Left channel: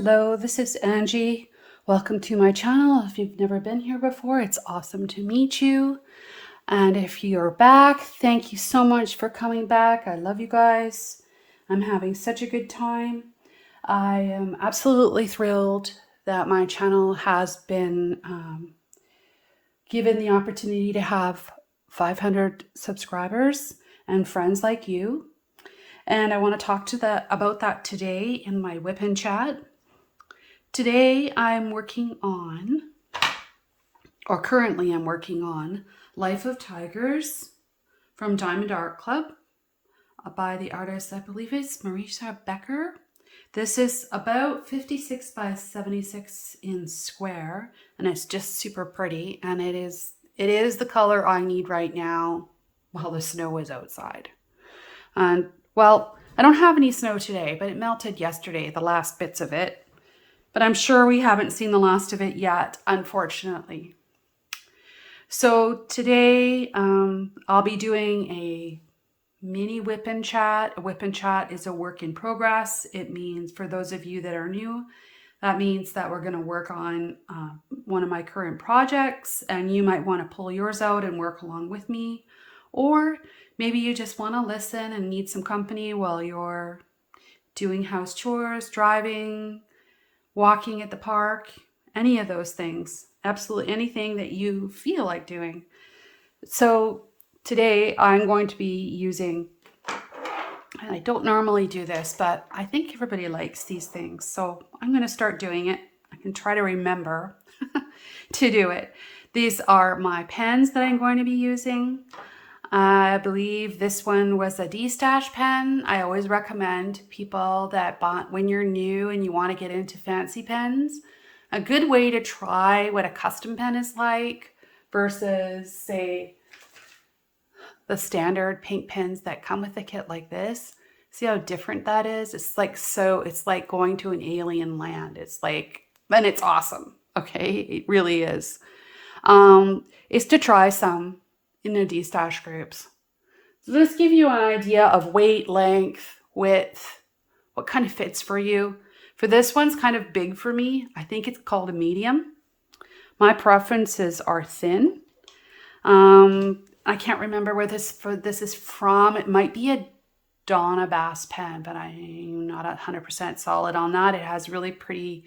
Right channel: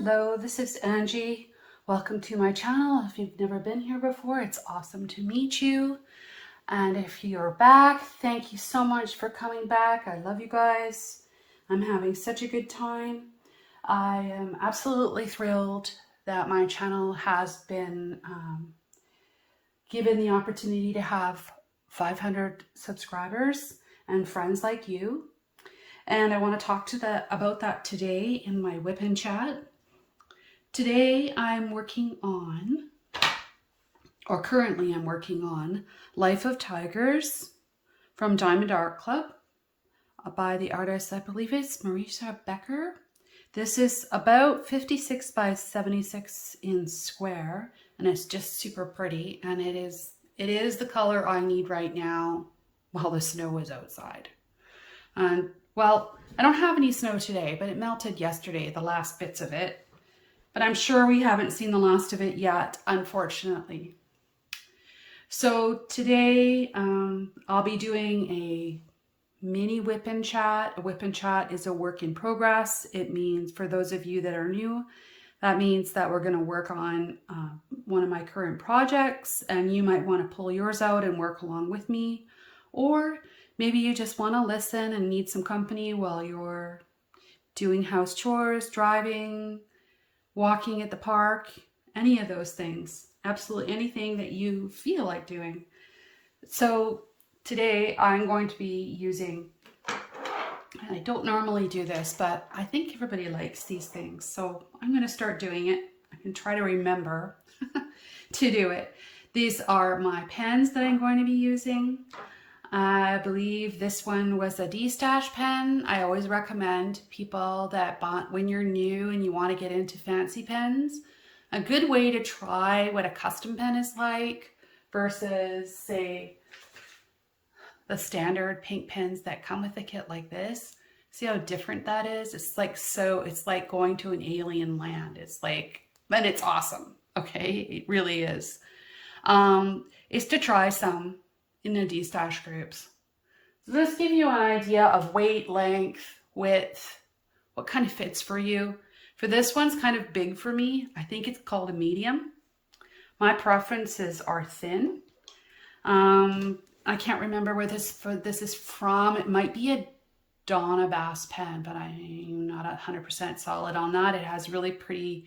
Hello, this is Angie. Welcome to my channel. If you've never been here before, it's awesome to meet you. And if you're back, thank you so much for coming back. I love you guys. I'm having such a good time. I am absolutely thrilled that my channel has been given the opportunity to have 500 subscribers and friends like you. And I want to talk about that today in my WIP and Chat. Today I'm working on, or currently I'm working on, Life of Tigers from Diamond Art Club by the artist, I believe it's Marisa Becker. This is about 56 by 76 in square, and it's just super pretty, and it is the color I need right now while the snow is outside. And well, I don't have any snow today, but it melted yesterday, the last bits of it. But I'm sure we haven't seen the last of it yet, unfortunately. So today I'll be doing a mini WIP and Chat. A WIP and Chat is a work in progress. It means, for those of you that are new, that means that we're going to work on one of my current projects, and you might want to pull yours out and work along with me. Or maybe you just want to listen and need some company while you're doing house chores, driving, walking at the park, any of those things. Absolutely anything that you feel like doing. So today I'm going to be using, and I don't normally do this, but I think everybody likes these things. So I'm going to start doing it. I can try to remember to do it. These are my pens that I'm going to be using. I believe this one was a D-Stash pen. I always recommend people that when you're new and you want to get into fancy pens, a good way to try what a custom pen is like versus, say, the standard paint pens that come with a kit like this. See how different that is? It's like going to an alien land. It's like, and it's awesome. Okay, it really is. Is to try some in the D-Stash groups. So this gives you an idea of weight, length, width, what kind of fits for you. For this one's kind of big for me. I think it's called a medium. My preferences are thin. I can't remember where this is from. It might be a Donna Bass pen, but I'm not 100% solid on that. It has really pretty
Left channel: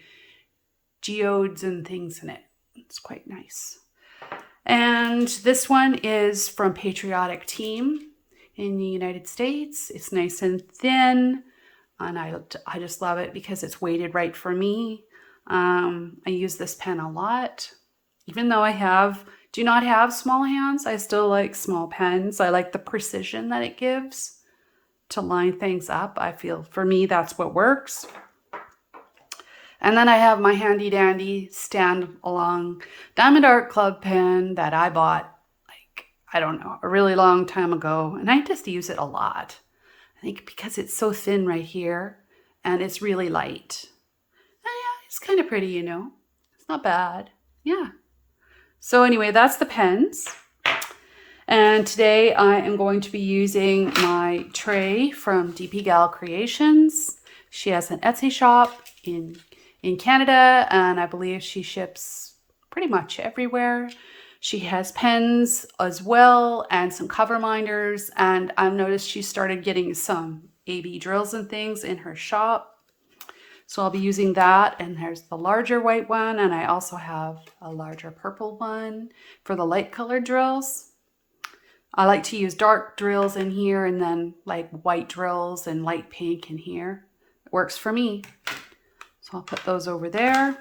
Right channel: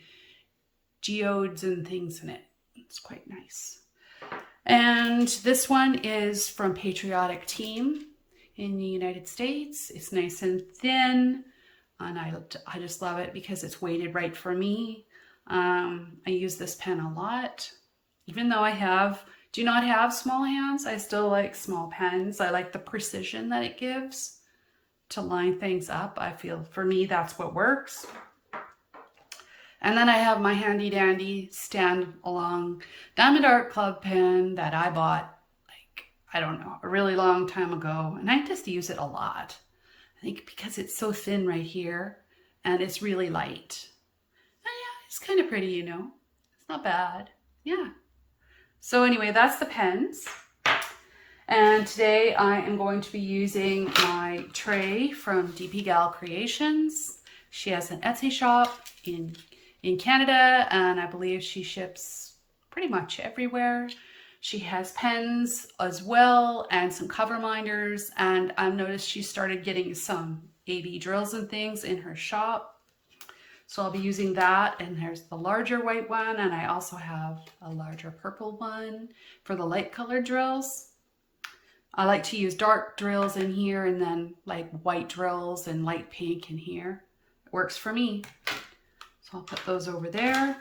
geodes and things in it. It's quite nice. And this one is from Patriotic Team in the United States. It's nice and thin, and I just love it because it's weighted right for me. I use this pen a lot. Even though I do not have small hands, I still like small pens. I like the precision that it gives to line things up. I feel for me that's what works. And then I have my handy dandy stand along Diamond Art Club pen that I bought, like, I don't know, a really long time ago. And I just use it a lot. I think because it's so thin right here and it's really light. And yeah, it's kind of pretty, you know. It's not bad. Yeah. So anyway, that's the pens. And today I am going to be using my tray from DP Gal Creations. She has an Etsy shop in Canada, and I believe she ships pretty much everywhere. She has pens as well and some cover minders, and I've noticed she started getting some AB drills and things in her shop. So I'll be using that, and there's the larger white one, and I also have a larger purple one for the light colored drills. I like to use dark drills in here and then like white drills and light pink in here. It works for me. So I'll put those over there.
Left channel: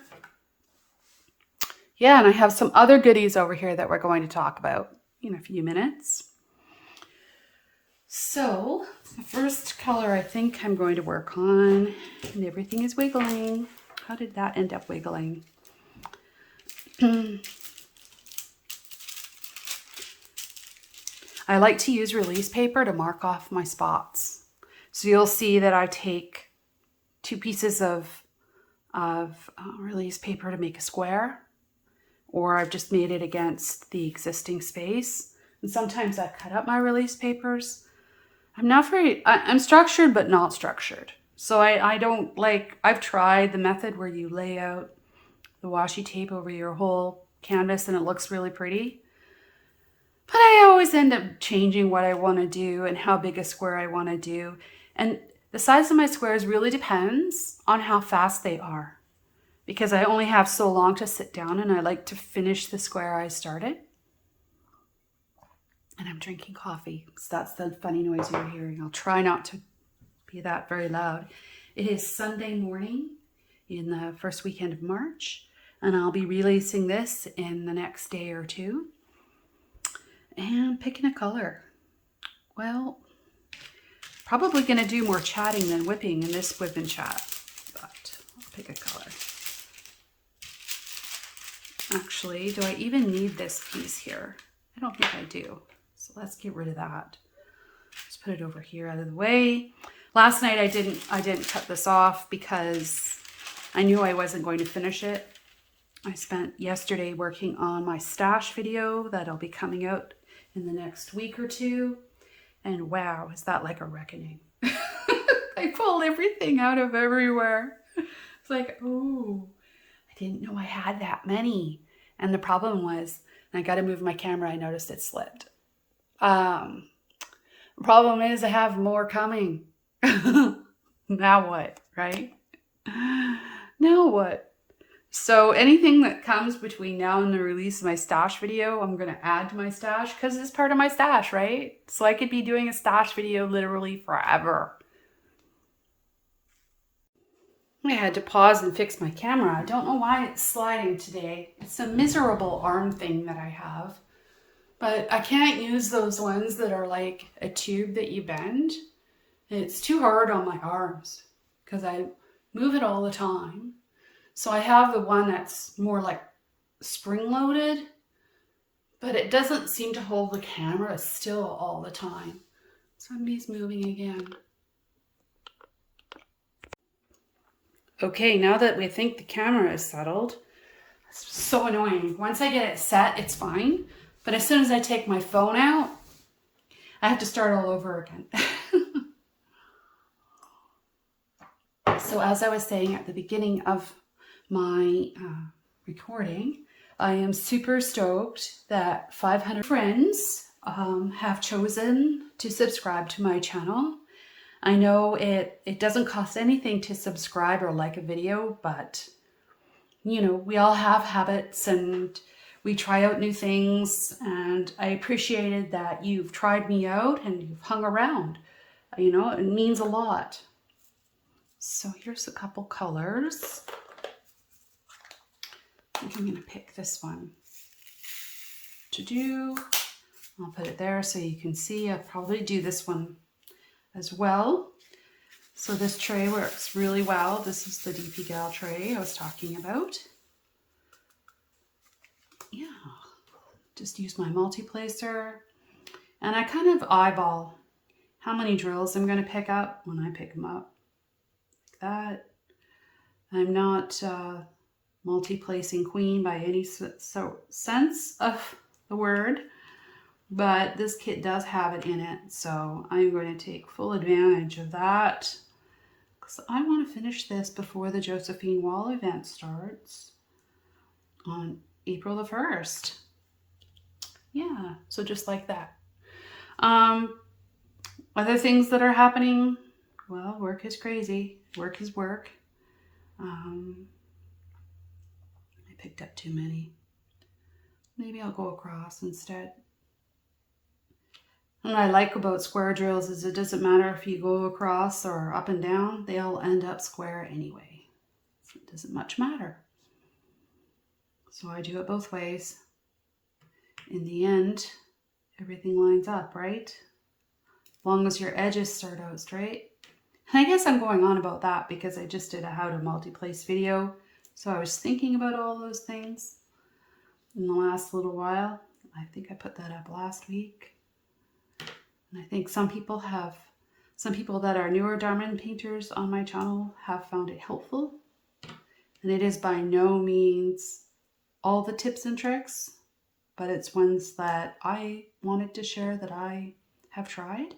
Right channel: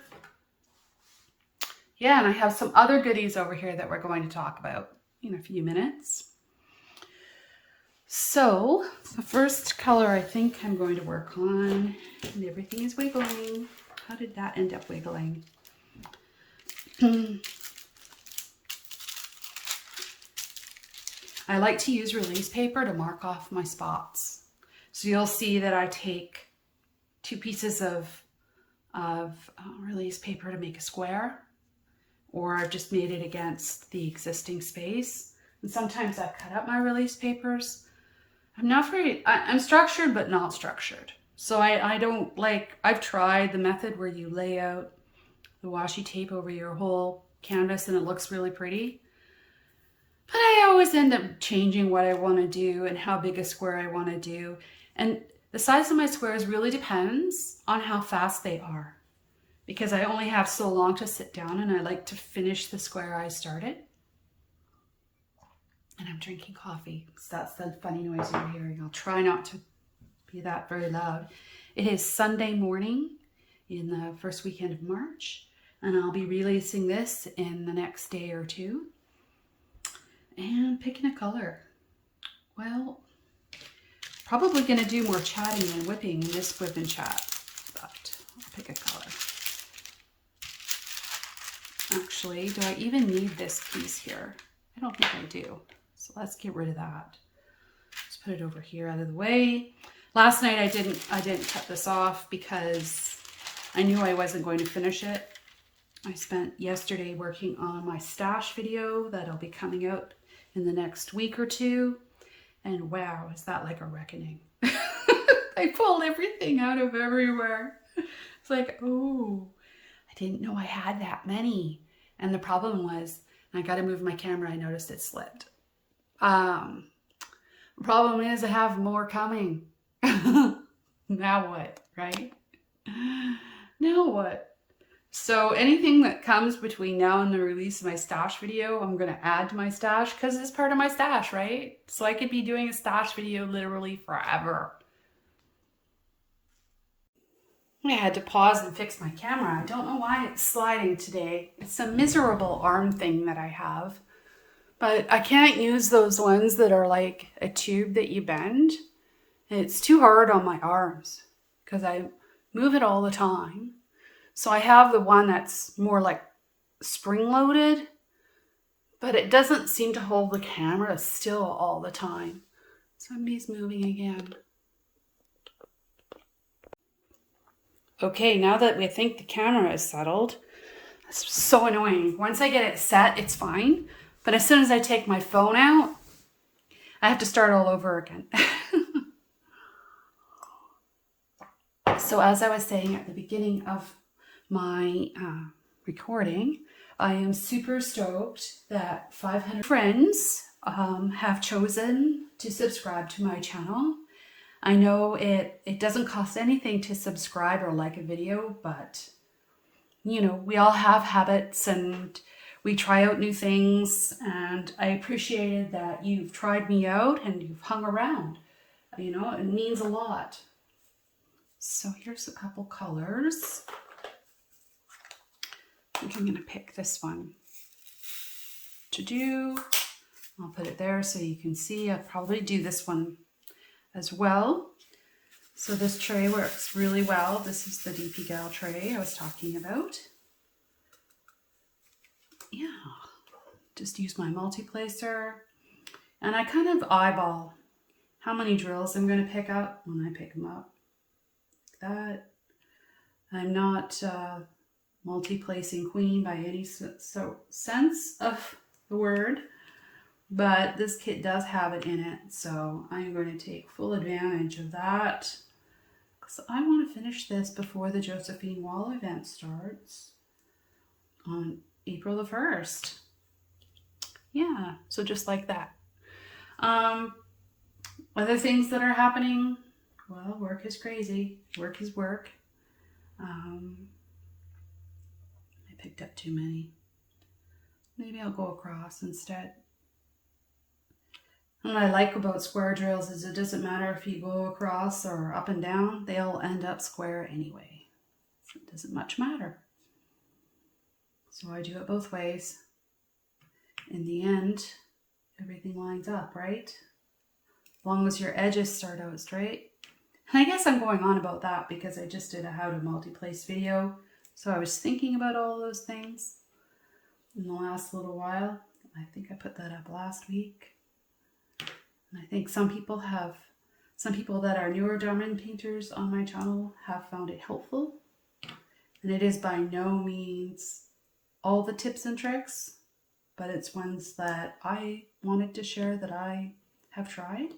Yeah, and I have some other goodies over here that we're going to talk about in a few minutes. So the first color I think I'm going to work on, and everything is wiggling. How did that end up wiggling? I like to use release paper to mark off my spots. So you'll see that I take 2 pieces of release paper to make a square, or I've just made it against the existing space. And sometimes I cut up my release papers. I'm structured but not structured. So I don't like, I've tried the method where you lay out the washi tape over your whole canvas and it looks really pretty. But I always end up changing what I want to do and how big a square I want to do. And the size of my squares really depends on how fast they are, because I only have so long to sit down and I like to finish the square I started. And I'm drinking coffee, so that's the funny noise you're hearing. I'll try not to be that very loud. It is Sunday morning in the first weekend of March, and I'll be releasing this in the next day or two. And picking a color. Well, probably going to do more chatting than whipping in this whip and chat, but I'll pick a color. Actually, do I even need this piece here? I don't think I do. So let's get rid of that. Let's put it over here out of the way. Last night I didn't cut this off because I knew I wasn't going to finish it. I spent yesterday working on my stash video that'll be coming out in the next week or two. And wow, is that like a reckoning. I pulled everything out of everywhere. It's like, oh, I didn't know I had that many. And the problem was, I got to move my camera, I noticed it slipped. The problem is I have more coming. Now what, right? Now what? So anything that comes between now and the release of my stash video, I'm going to add to my stash because it's part of my stash, right? So I could be doing a stash video literally forever. I had to pause and fix my camera. I don't know why it's sliding today. It's a miserable arm thing that I have. But I can't use those ones that are like a tube that you bend. It's too hard on my arms because I move it all the time. So I have the one that's more like spring-loaded, but it doesn't seem to hold the camera still all the time. Somebody's moving again. Okay, now that we think the camera is settled, it's so annoying. Once I get it set, it's fine. But as soon as I take my phone out, I have to start all over again. So as I was saying at the beginning of my recording, I am super stoked that 500 friends have chosen to subscribe to my channel. I know it doesn't cost anything to subscribe or like a video, but you know, we all have habits and we try out new things, and I appreciated that you've tried me out and you've hung around. You know, it means a lot. So here's a couple colors. I think I'm going to pick this one to do. I'll put it there so you can see. I'll probably do this one as well. So this tray works really well. This is the DP Gal tray I was talking about. Yeah, just use my multi-placer. And I kind of eyeball how many drills I'm going to pick up when I pick them up. Like that. I'm not multi-placing queen by any sense of the word, but this kit does have it in it, so I'm going to take full advantage of that because I want to finish this before the Josephine wall event starts on April the 1st. Yeah, so just like that. Other things that are happening, well, work is crazy. Work is work. I picked up too many. Maybe I'll go across instead. And what I like about square drills is it doesn't matter if you go across or up and down, they all end up square anyway. So it doesn't much matter. So I do it both ways. In the end, everything lines up, right? As long as your edges start out straight. And I guess I'm going on about that because I just did a how to multi-place video. So I was thinking about all those things in the last little while. I think I put that up last week. And I think some people that are newer diamond painters on my channel have found it helpful. And it is by no means all the tips and tricks, but it's ones that I wanted to share that I have tried.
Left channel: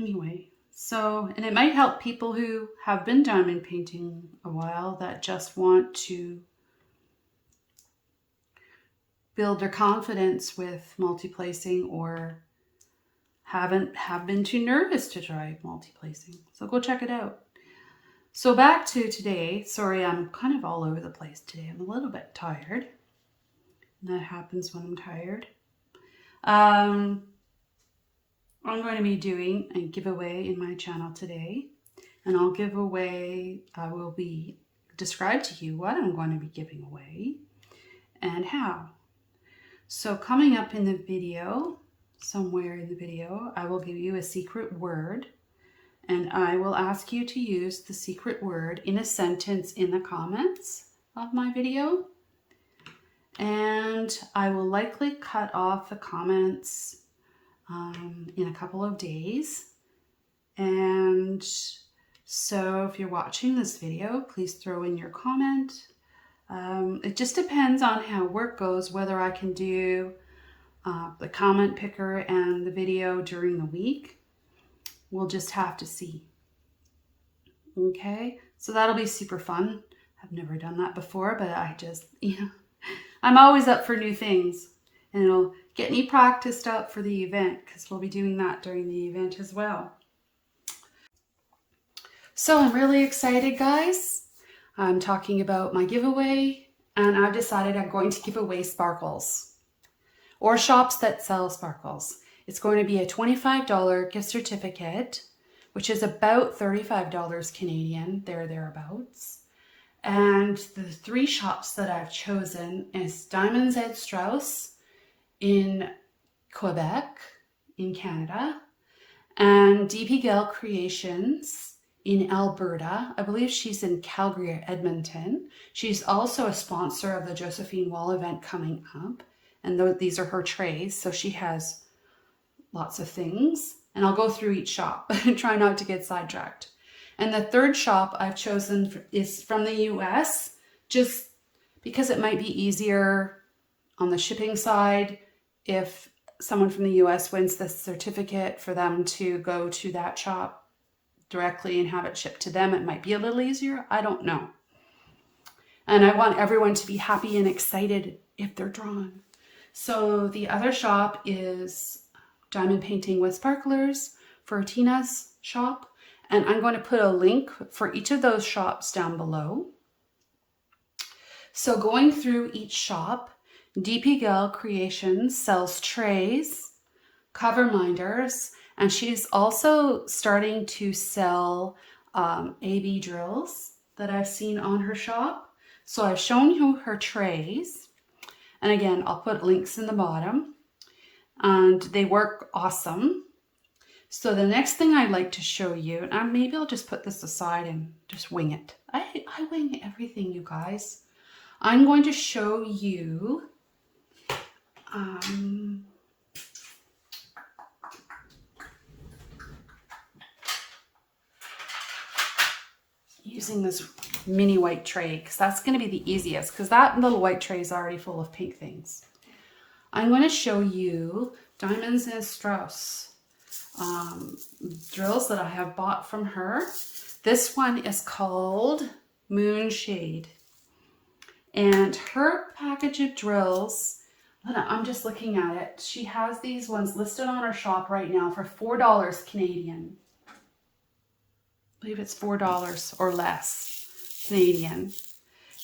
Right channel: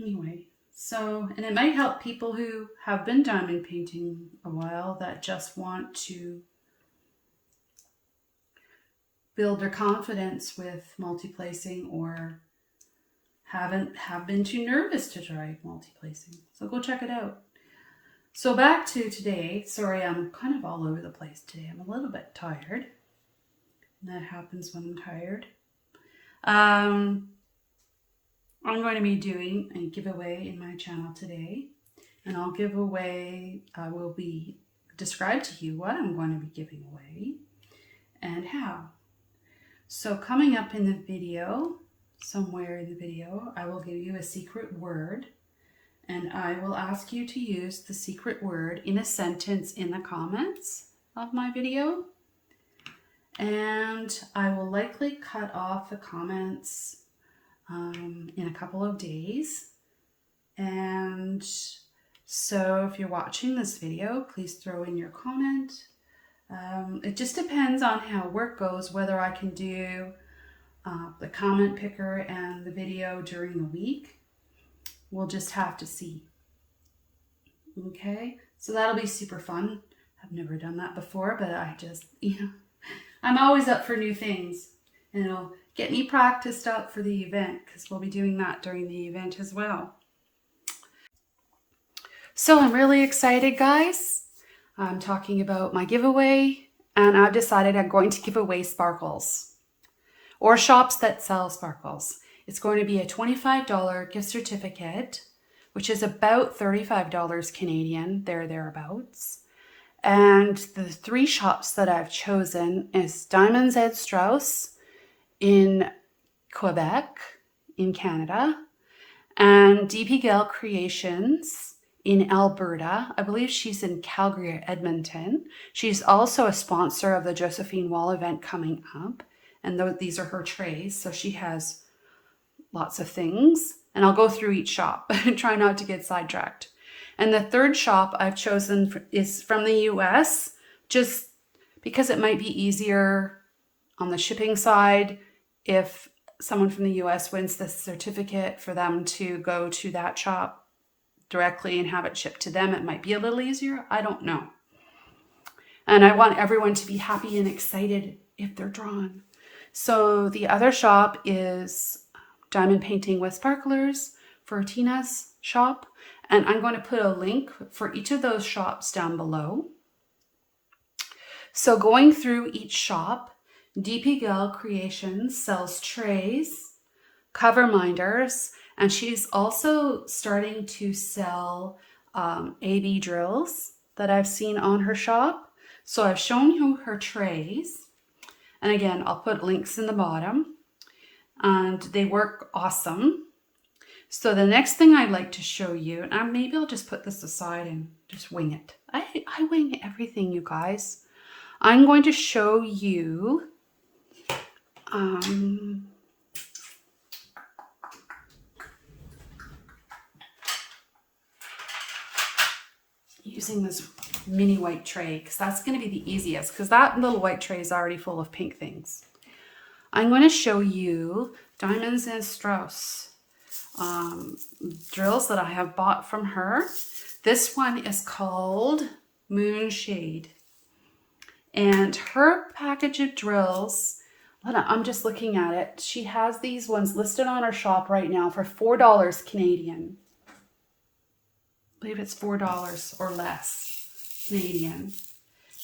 Anyway, So, and it might help people who have been diamond painting a while that just want to build their confidence with multi-placing or have been too nervous to try multi-placing. So go check it out. So back to today. Sorry, I'm kind of all over the place today. I'm a little bit tired. And that happens when I'm tired. I'm going to be doing a giveaway in my channel today. And I will be describe to you what I'm going to be giving away and how. So coming up in the video, somewhere in the video, I will give you a secret word. And I will ask you to use the secret word in a sentence in the comments of my video. And I will likely cut off the comments in a couple of days. And so if you're watching this video, please throw in your comment. It just depends on how work goes, whether I can do the comment picker and the video during the week. We'll just have to see. Okay, so that'll be super fun. I've never done that before, but I just, I'm always up for new things. And it'll get me practiced up for the event because we'll be doing that during the event as well. So I'm really excited, guys. I'm talking about my giveaway, and I've decided I'm going to give away sparkles or shops that sell sparkles. It's going to be a $25 gift certificate, which is about $35 Canadian, thereabouts. And the 3 shops that I've chosen is Diamants and Strass in Quebec, in Canada, and DP Gale Creations in Alberta. I believe she's in Calgary or Edmonton. She's also a sponsor of the Josephine wall event coming up. And these are her trays, so she has lots of things, and I'll go through each shop and try not to get sidetracked. And the 3rd shop I've chosen is from the US, just because it might be easier on the shipping side if someone from the US wins the certificate for them to go to that shop directly and have it shipped to them. It might be a little easier. I don't know. And I want everyone to be happy and excited if they're drawn. So the other shop is Diamond Painting with Sparklers for Tina's shop. And I'm going to put a link for each of those shops down below. So going through each shop, DP Gale Creations sells trays, coverminders, and she's also starting to sell AB drills that I've seen on her shop. So I've shown you her trays. And again, I'll put links in the bottom. And they work awesome. So the next thing I'd like to show you, and maybe I'll just put this aside and just wing it. I wing everything, you guys. I'm going to show you using this mini white tray, because that's going to be the easiest, because that little white tray is already full of pink things. I'm going to show you Diamonds and Strass drills that I have bought from her. This one is called Moonshade. And her package of drills, I'm just looking at it. She has these ones listed on her shop right now for $4 Canadian. I believe it's $4 or less Canadian.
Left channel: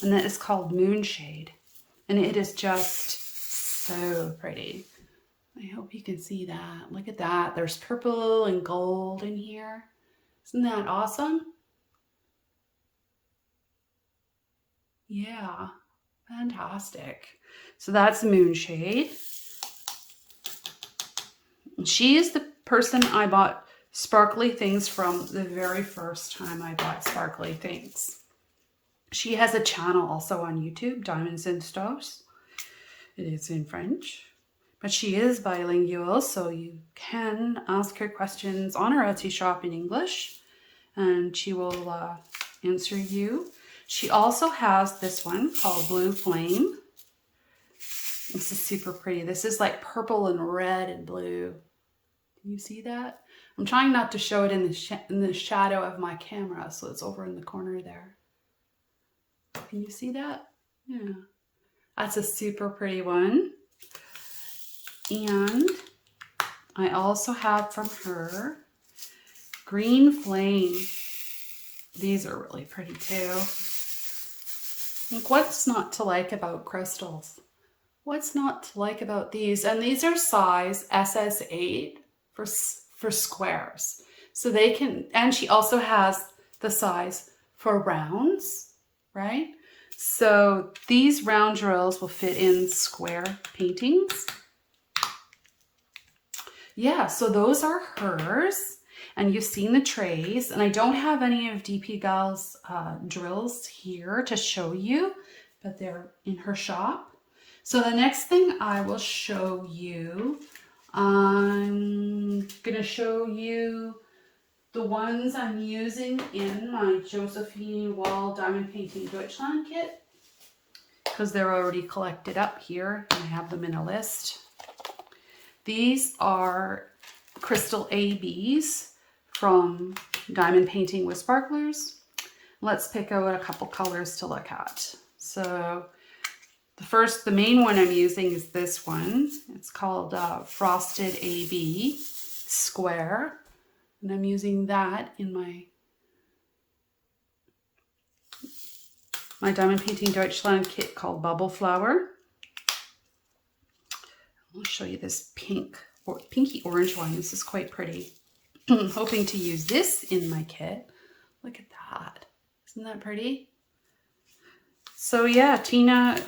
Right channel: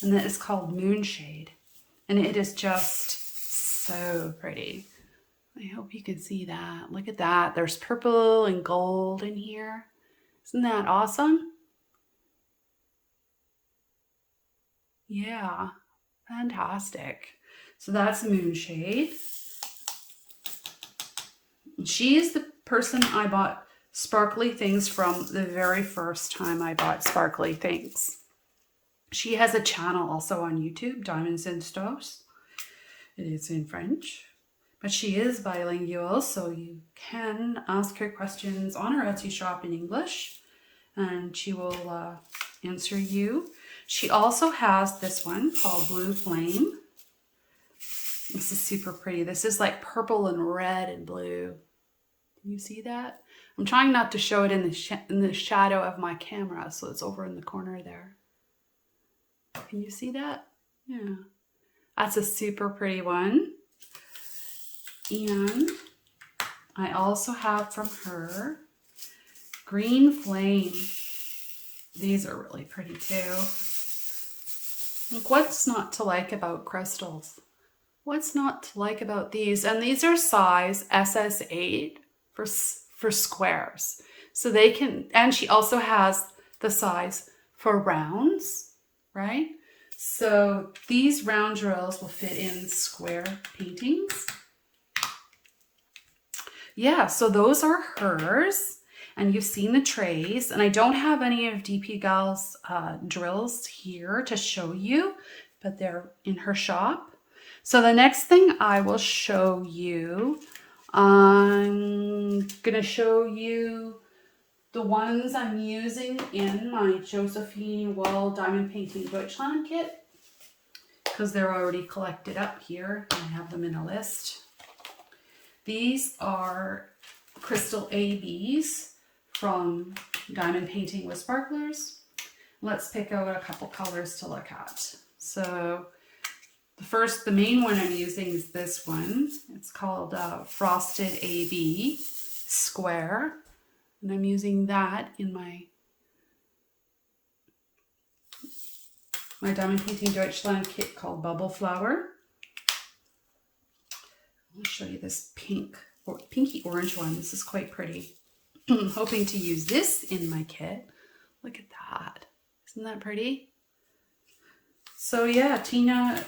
And that is called Moonshade. And it is just so pretty. I hope you can see that. Look at that. There's purple and gold in here. Isn't that awesome? Yeah, fantastic. So that's Moonshade. She is the person I bought sparkly things from the very first time I bought sparkly things. She has a channel also on YouTube, Diamonds and Strass. It is in French, but she is bilingual, so you can ask her questions on her Etsy shop in English, and she will answer you. She also has this one called Blue Flame. This is super pretty. This is like purple and red and blue. Can you see that? I'm trying not to show it in the shadow of my camera, so it's over in the corner there. Can you see that? Yeah. That's a super pretty one. And I also have from her Green Flame. These are really pretty too. Like, what's not to like about crystals? What's not to like about these? And these are size SS8 for squares. So they can, and she also has the size for rounds, right? So these round drills will fit in square paintings. Yeah, so those are hers. And you've seen the trays, and I don't have any of DP Gal's drills here to show you, but they're in her shop. So the next thing I will show you, I'm gonna show you the ones I'm using in my Josephine Wall Diamond Painting Deutschland kit, because they're already collected up here, and I have them in a list. These are Crystal ABs from Diamond Painting with Sparklers. Let's pick out a couple colors to look at. So the main one I'm using is this one. It's called Frosted AB Square. And I'm using that in my Diamond Painting Deutschland kit called Bubble Flower. I'll show you this pinky orange one. This is quite pretty. I'm hoping to use this in my kit. Look at that. Isn't that pretty? So yeah, Tina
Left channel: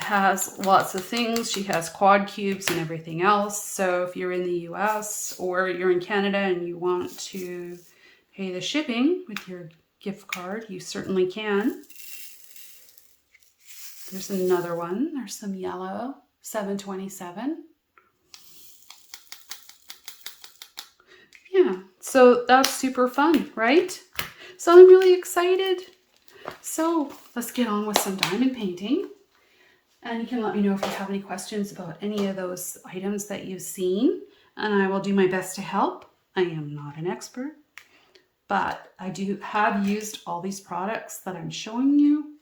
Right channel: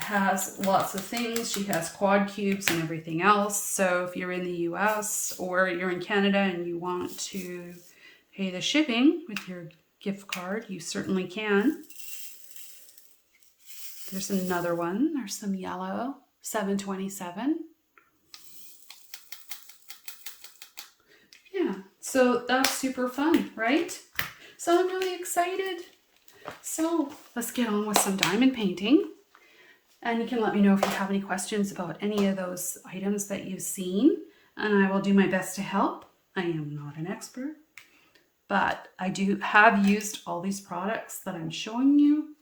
has lots of things. She has quad cubes and everything else. So if you're in the US or you're in Canada and you want to pay the shipping with your gift card, you certainly can. There's another one. There's some yellow, 727. Yeah, so that's super fun, right? So I'm really excited. So let's get on with some diamond painting. And you can let me know if you have any questions about any of those items that you've seen. And I will do my best to help. I am not an expert, but I have used all these products that I'm showing you.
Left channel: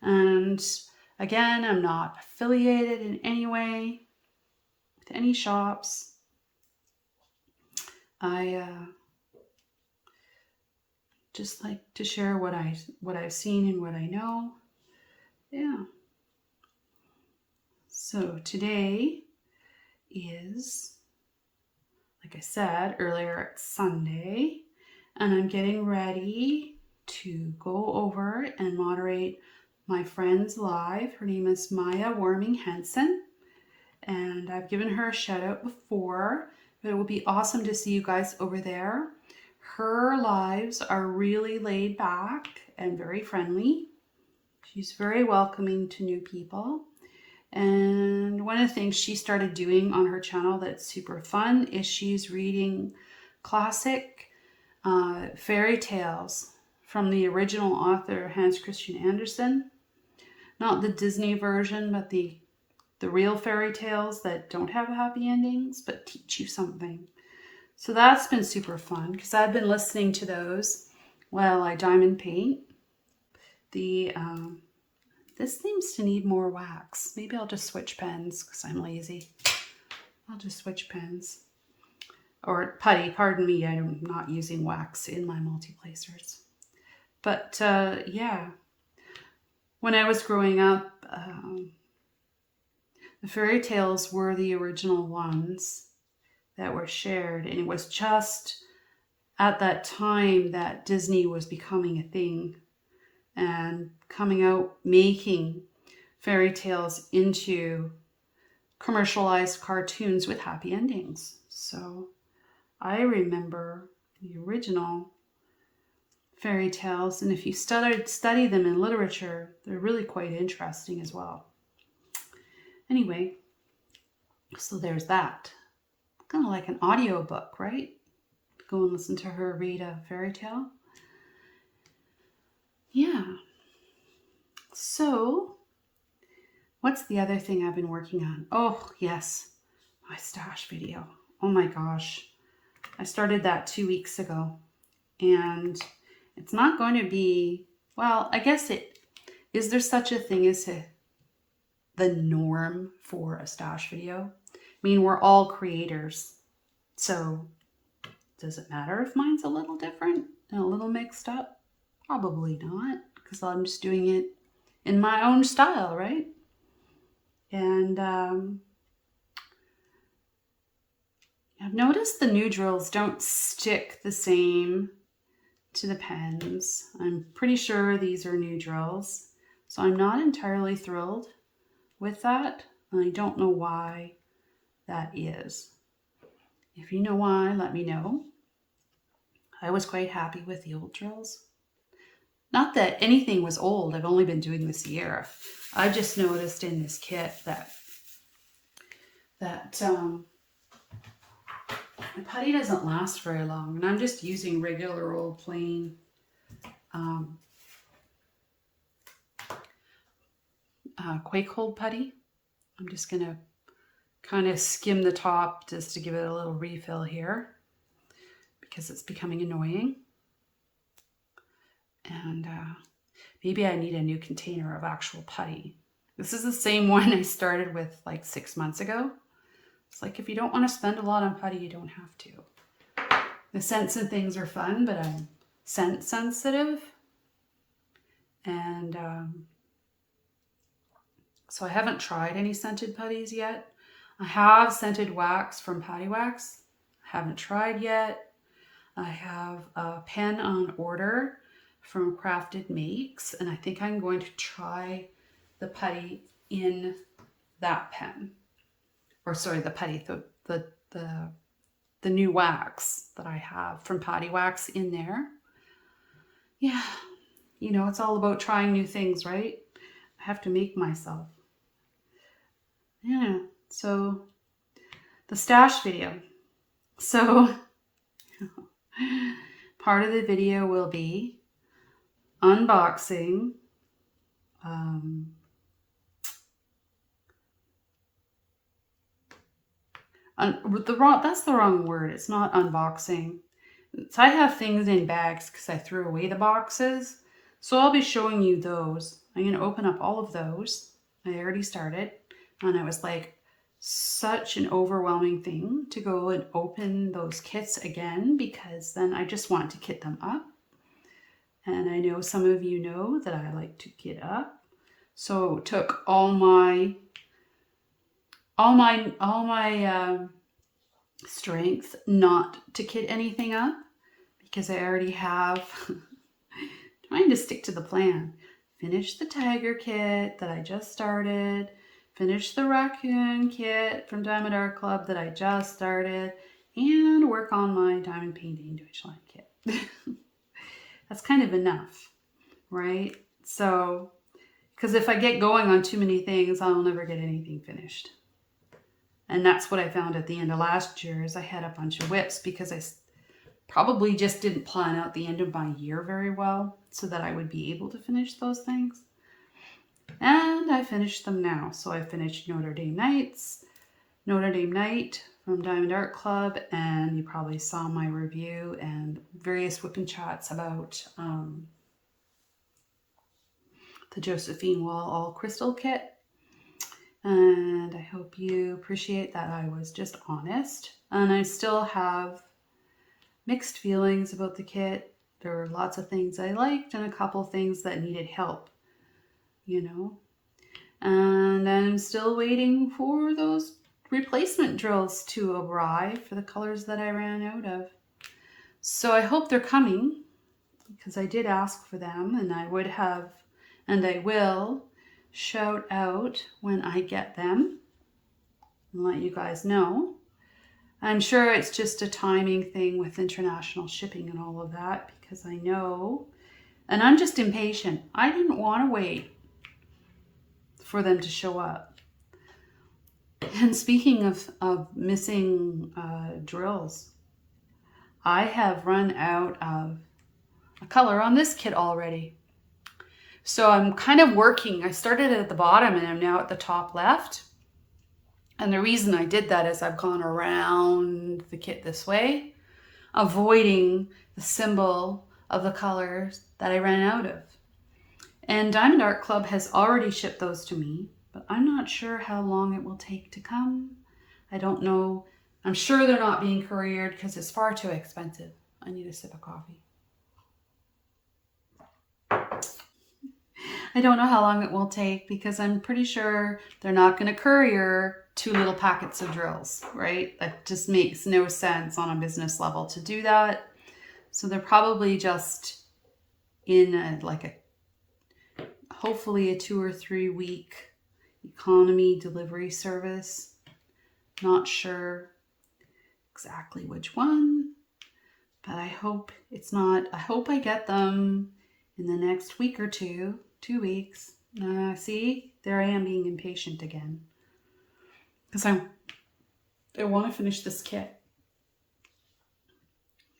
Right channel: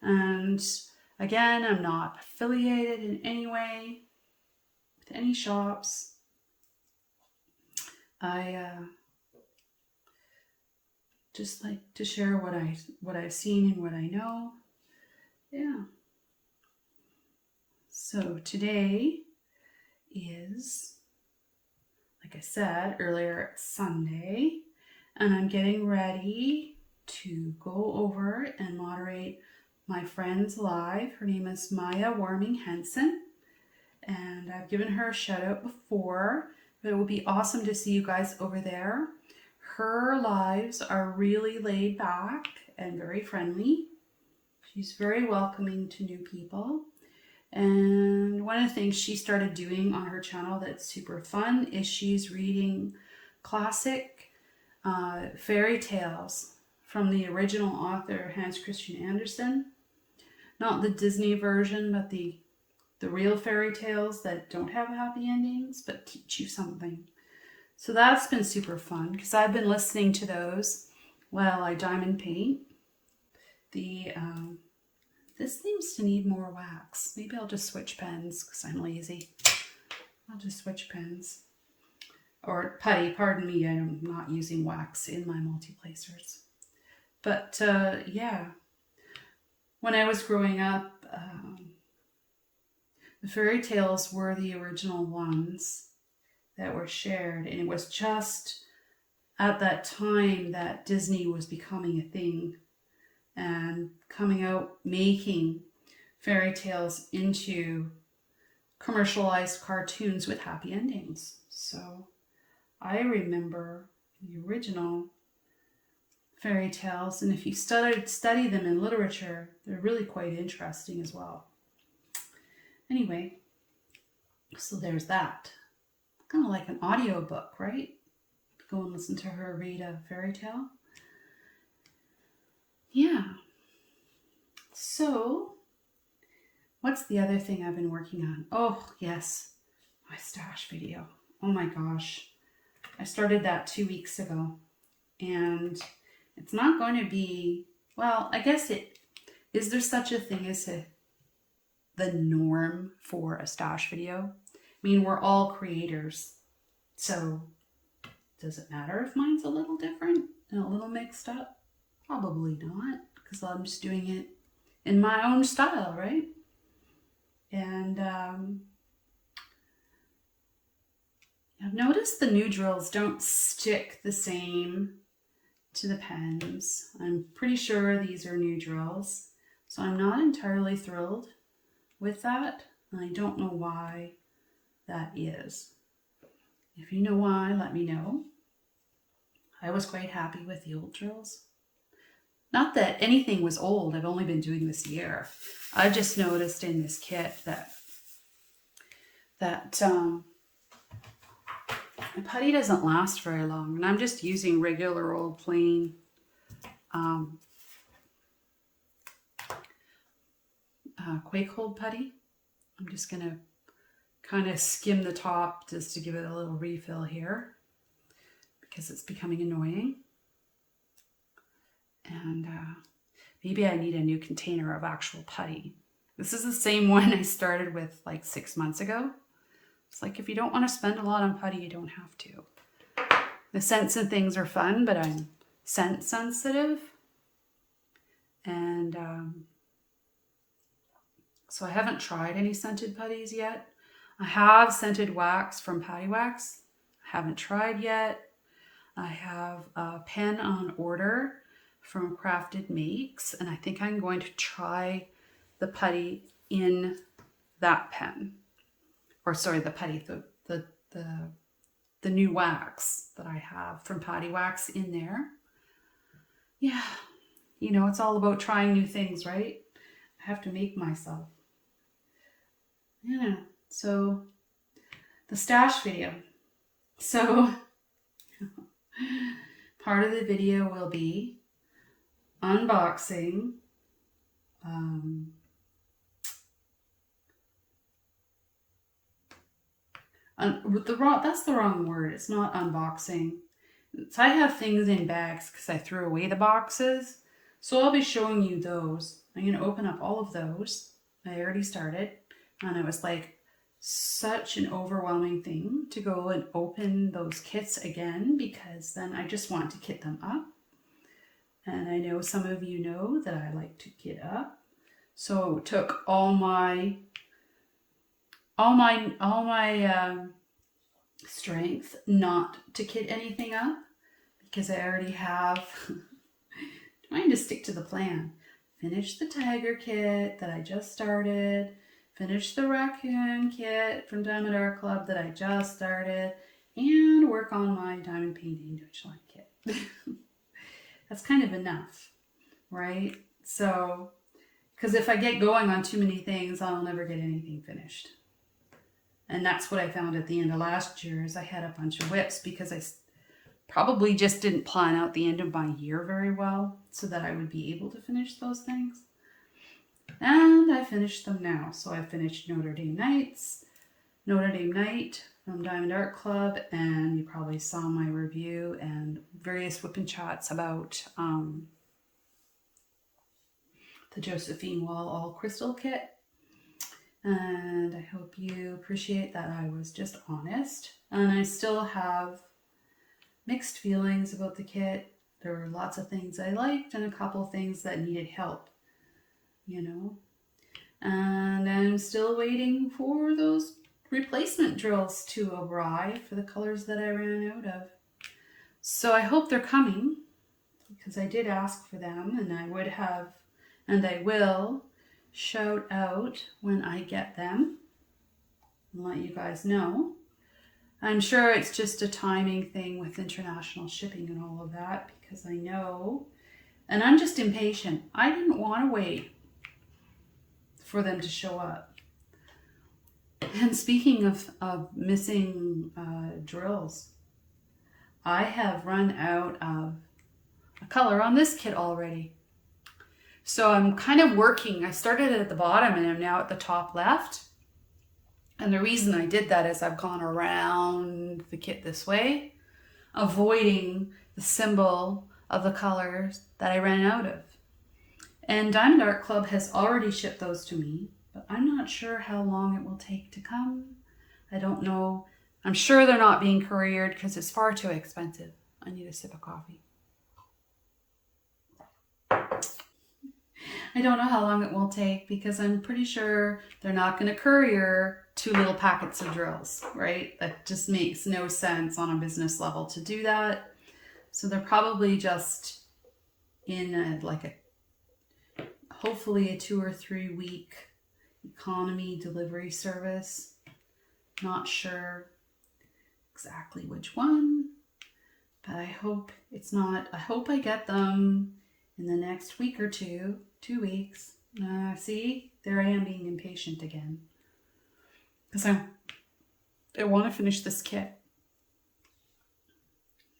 And again, I'm not affiliated in any way with any shops. I just like to share what I've seen and what I know. Yeah. So today is, like I said earlier, it's Sunday, and I'm getting ready to go over and moderate my friend's live. Her name is Maya Warming Henson, and I've given her a shout out before, but it will be awesome to see you guys over there. Her lives are really laid back and very friendly. She's very welcoming to new people. And one of the things she started doing on her channel that's super fun is she's reading classic fairy tales from the original author Hans Christian Andersen. Not the Disney version, but the real fairy tales that don't have happy endings but teach you something. So that's been super fun because I've been listening to those while I diamond paint. This seems to need more wax. Maybe I'll just switch pens because I'm lazy. I'll just switch pens. Or putty, pardon me, I'm not using wax in my multi-placers. But yeah, when I was growing up, the fairy tales were the original ones that were shared. And it was just at that time that Disney was becoming a thing and coming out making fairy tales into commercialized cartoons with happy endings. So I remember the original fairy tales, and if you study them in literature, they're really quite interesting as well. Anyway, so there's that. Kind of like an audio book, right? Go and listen to her read a fairy tale. Yeah. So, what's the other thing I've been working on? Oh, yes, my stash video. Oh my gosh. I started that 2 weeks ago, and it's not going to be, well, I guess is there such a thing as the norm for a stash video? I mean, we're all creators, so does it matter if mine's a little different and a little mixed up? Probably not, because I'm just doing it in my own style, right? And I've noticed the new drills don't stick the same to the pens. I'm pretty sure these are new drills, so I'm not entirely thrilled with that, and I don't know why that is. If you know why, let me know. I was quite happy with the old drills. Not that anything was old, I've only been doing this a year. I just noticed in this kit that my putty doesn't last very long, and I'm just using regular old plain quake hold putty. I'm just gonna kind of skim the top just to give it a little refill here because it's becoming annoying. And maybe I need a new container of actual putty. This is the same one I started with like 6 months ago. It's like, if you don't want to spend a lot on putty, you don't have to. The scents and things are fun, but I'm scent sensitive. And so I haven't tried any scented putties yet. I have scented wax from Patty Wax. I haven't tried yet. I have a pen on order from Crafted Makes, and I think I'm going to try the putty in that pen. Or sorry, the putty, the new wax that I have from Patty Wax in there. Yeah, you know, it's all about trying new things, right? I have to make myself. Yeah, so the stash video. So part of the video will be unboxing that's the wrong word. It's not unboxing. So I have things in bags because I threw away the boxes. So I'll be showing you those. I'm going to open up all of those. I already started. And it was like such an overwhelming thing to go and open those kits again, because then I just want to kit them up. And I know some of you know that I like to kit up. So it took all my strength not to kit anything up, because I already have trying to stick to the plan. Finish the tiger kit that I just started, finish the raccoon kit from Diamond Art Club that I just started, and work on my diamond painting Deutschland kit. That's kind of enough, right? So, because if I get going on too many things, I'll never get anything finished. And that's what I found at the end of last year, is I had a bunch of WIPs because I probably just didn't plan out the end of my year very well so that I would be able to finish those things. And I finished them now. So I finished Notre Dame Night from Diamond Art Club, and you probably saw my review and various WIP and chats about the Josephine Wall All Crystal kit. And I hope you appreciate that I was just honest. And I still have mixed feelings about the kit. There were lots of things I liked and a couple things that needed help, you know. And I'm still waiting for those replacement drills to arrive for the colors that I ran out of. So I hope they're coming, because I did ask for them, and I would have, and I will shout out when I get them and let you guys know. I'm sure it's just a timing thing with international shipping and all of that, because I know, and I'm just impatient. I didn't want to wait for them to show up. And speaking of missing drills, I have run out of a color on this kit already. So I'm kind of working. I started at the bottom and I'm now at the top left. And the reason I did that is I've gone around the kit this way. avoiding the symbol of the colors that I ran out of. And Diamond Art Club has already shipped those to me, but I'm not sure how long it will take to come. I don't know. I'm sure they're not being couriered because it's far too expensive. I need a sip of coffee. I don't know how long it will take because I'm pretty sure they're not going to courier 2 little packets of drills, right? That just makes no sense on a business level to do that. So they're probably just in hopefully a 2 or 3 week economy delivery service. Not sure exactly which one, but I hope it's not. I hope I get them in the next week or 2 weeks. See, there I am being impatient again because I want to finish this kit.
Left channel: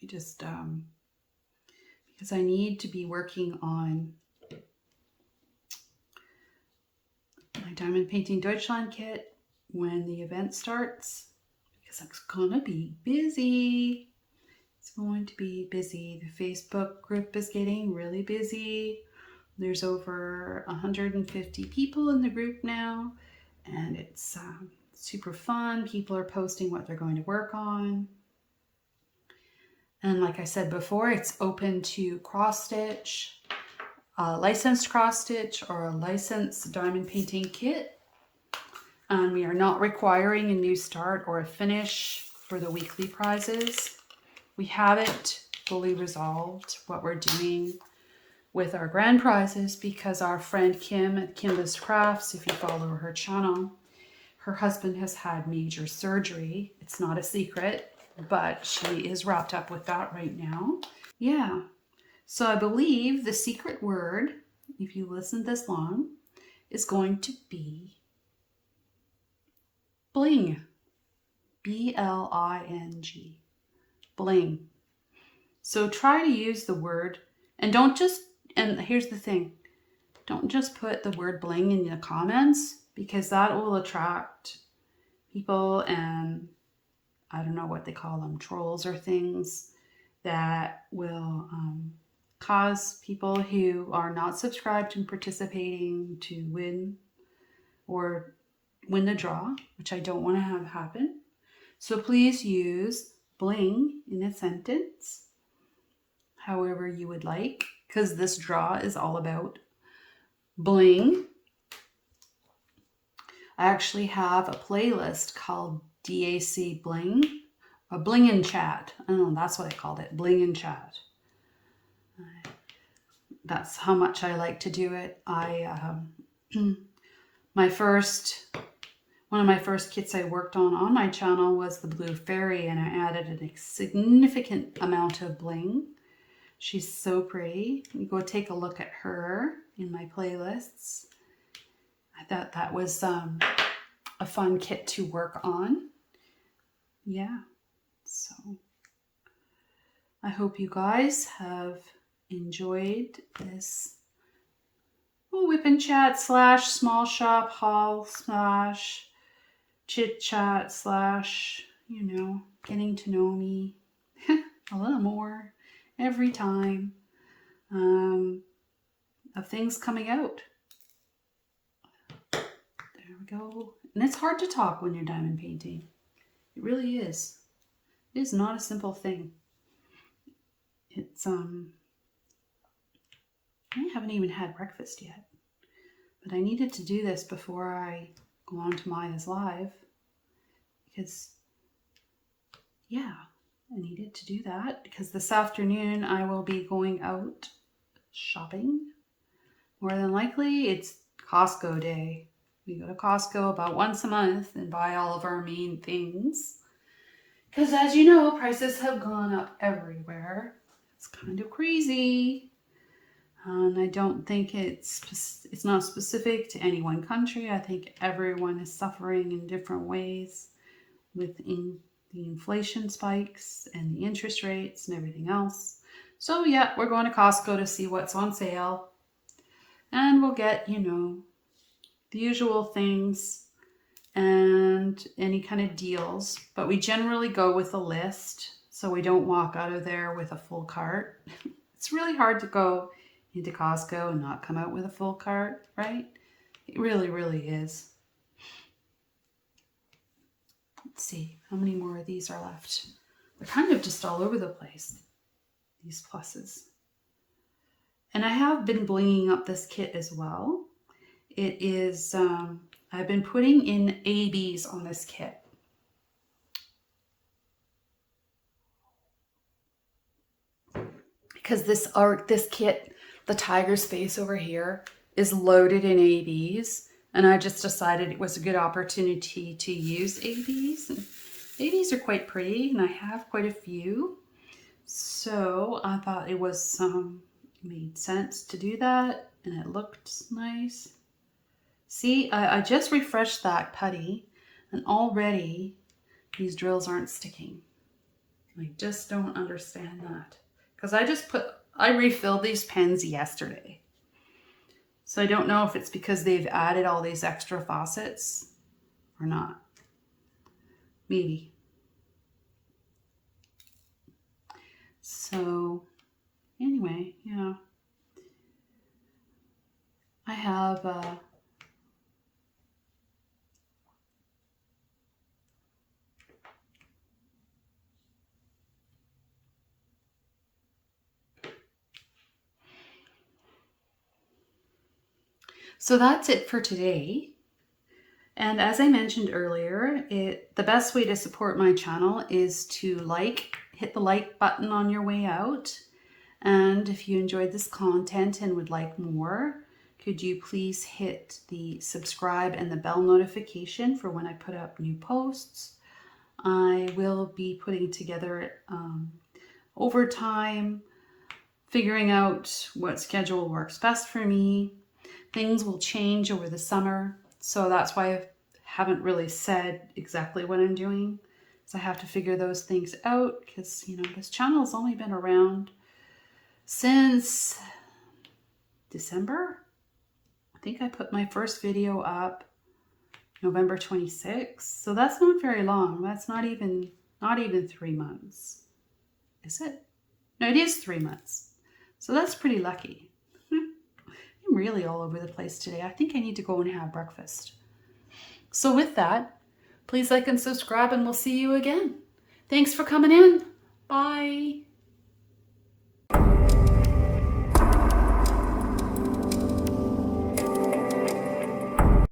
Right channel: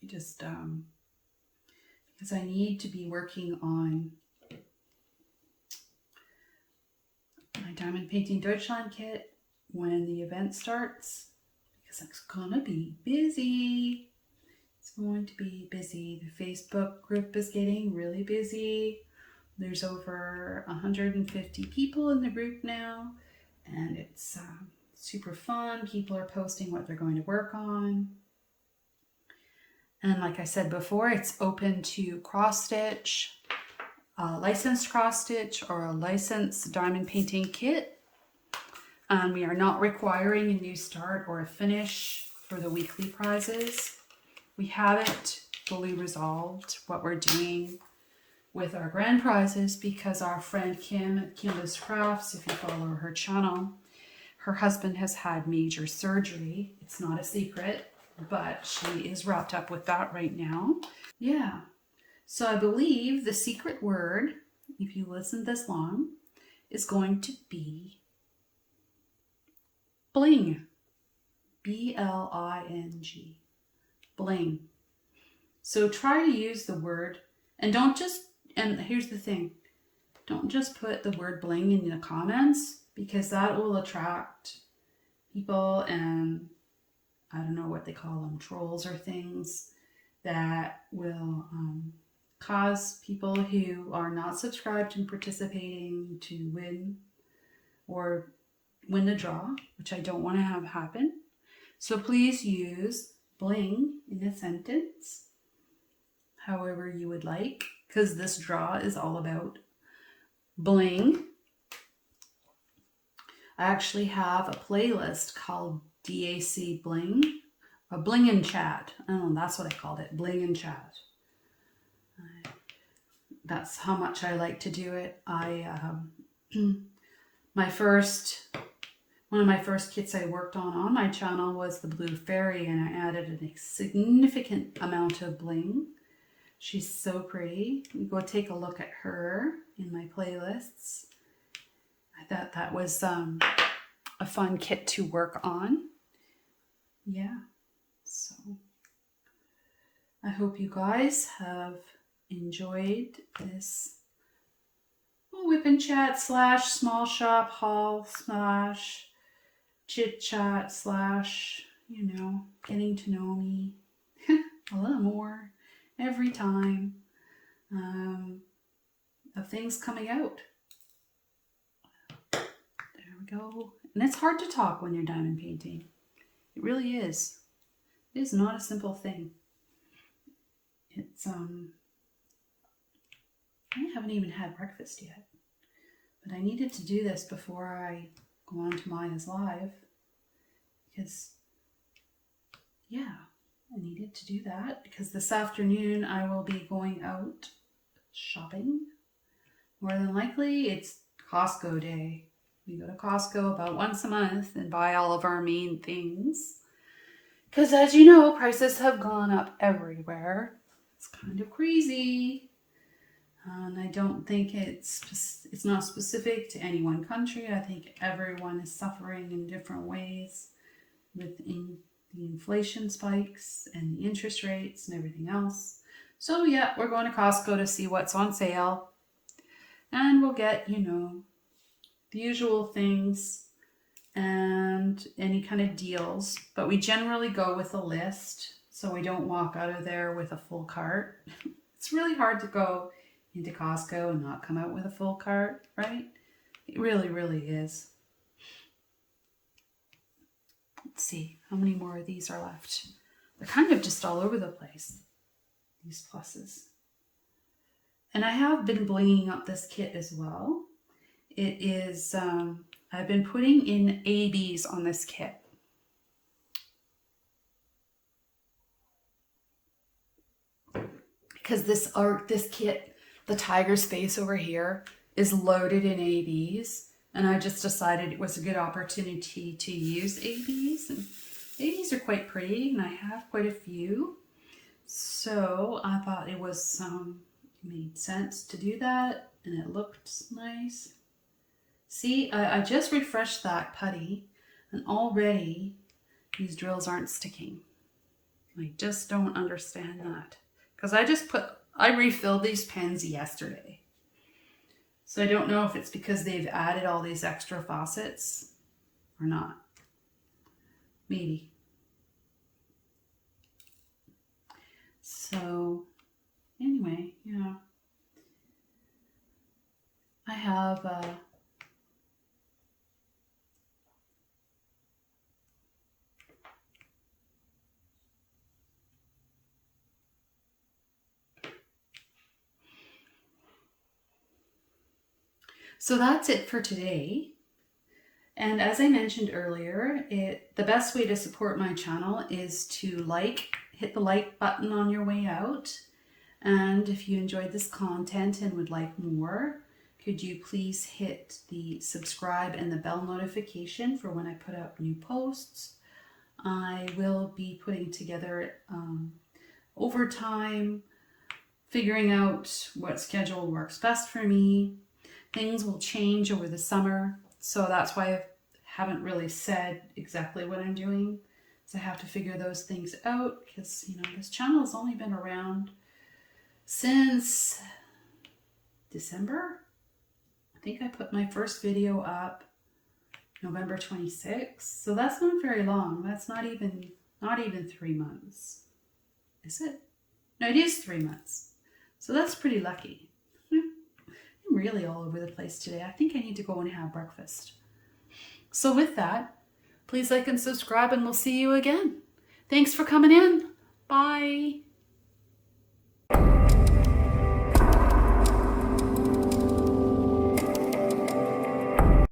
I just because I need to be working on my Diamond Painting Deutschland kit when the event starts, because it's gonna be busy. It's going to be busy. The Facebook group is getting really busy. There's over 150 people in the group now, and it's super fun. People are posting what they're going to work on. And like I said before, it's open to cross stitch, licensed cross stitch, or a licensed diamond painting kit. We are not requiring a new start or a finish for the weekly prizes. We haven't fully resolved what we're doing with our grand prizes because our friend Kim at Kimbas Krafts, if you follow her channel, her husband has had major surgery. It's not a secret, but she is wrapped up with that right now. Yeah. So I believe the secret word, if you listen this long, is going to be Bling. B-L-I-N-G. Bling. So try to use the word, and don't just, and here's the thing, don't just put the word bling in the comments, because that will attract people, and I don't know what they call them, trolls or things, that will cause people who are not subscribed and participating to win or win the draw, which I don't want to have happen. So please use bling in a sentence however you would like, because this draw is all about bling. I actually have a playlist called DAC Bling, a Bling and Chat. I don't know, that's what I called it, Bling and Chat. That's how much I like to do it. One of my first kits I worked on my channel was the Blue Fairy, and I added a significant amount of bling. She's so pretty. You go take a look at her in my playlists. I thought that was a fun kit to work on. Yeah, so I hope you guys have enjoyed this WIP and Chat / small shop haul / chit chat / getting to know me a little more every time of things coming out. There we go. And it's hard to talk when you're diamond painting. It really is. It is not a simple thing. It's I haven't even had breakfast yet, but I needed to do this before I go on to Maya's live, because yeah, I needed to do that because this afternoon I will be going out shopping. More than likely it's Costco day. We go to Costco about once a month and buy all of our main things, because as you know, prices have gone up everywhere. It's kind of crazy. And I don't think it's not specific to any one country. I think everyone is suffering in different ways with the inflation spikes and the interest rates and everything else. So yeah, we're going to Costco to see what's on sale. And we'll get, the usual things and any kind of deals. But we generally go with a list. so we don't walk out of there with a full cart. It's really hard to go into Costco and not come out with a full cart, right? It really, really is. Let's see how many more of these are left. They're kind of just all over the place, these pluses. And I have been blinging up this kit as well. It is, I've been putting in ABs on this kit. Because this kit, the tiger's face over here, is loaded in ABs. And I just decided it was a good opportunity to use ABs. And ABs are quite pretty, and I have quite a few. So I thought it was made sense to do that, and it looked nice. See, I just refreshed that putty, and already these drills aren't sticking. I just don't understand that. Because I refilled these pens yesterday. So I don't know if it's because they've added all these extra faucets or not. Maybe. So anyway, yeah. I have so that's it for today. And as I mentioned earlier, the best way to support my channel is to hit the like button on your way out. And if you enjoyed this content and would like more, could you please hit the subscribe and the bell notification for when I put up new posts. I will be putting together over time, figuring out what schedule works best for me. Things will change over the summer, so that's why I haven't really said exactly what I'm doing. So I have to figure those things out because, you know, this channel has only been around since December. I think I put my first video up November 26th. So that's not very long. That's not even 3 months. Is it? No, it is 3 months. So that's pretty lucky. I'm really all over the place today. I think I need to go and have breakfast. So with that, please like and subscribe, and we'll see you again. Thanks for coming in. Bye.